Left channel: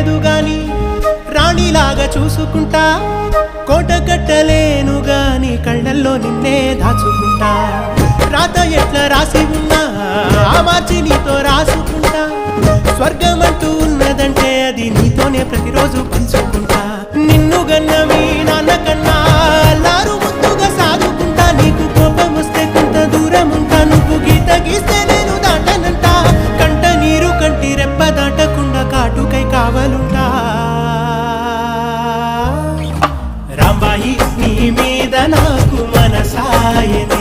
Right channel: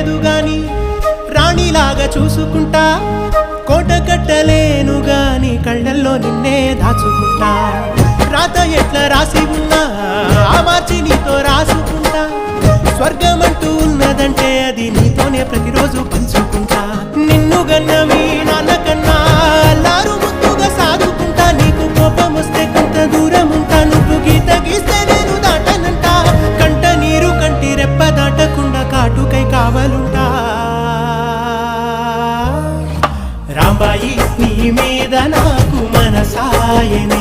లేదు గాని రాణిలాగా చూసుకుంటా కోట కట్టలేను గాని కళ్ళల్లో నిన్నే దాచుకుంటా రాత ఎట్లా రాసి ఉన్నా ఆ మార్చి నీతో రాసుకుంటా స్వర్గమంటూ ఉన్నదంటే అది నీతోనే ప్రతిరోజు పంచుకుంటా నిన్ను గన్న మీ నాన్న కన్నా అల్లారు ముద్దుగా సాదుకుంటా నీకు కోపం వస్తే కొంత దూరం ఉంటా నువ్వు గీత గీస్తే నేను దాటనంట కంట నీరు కంటి రెప్ప దాటకుండా కాటుకై కావలుంటా రాంబాయి నీ మీద నాకు మనసాయనే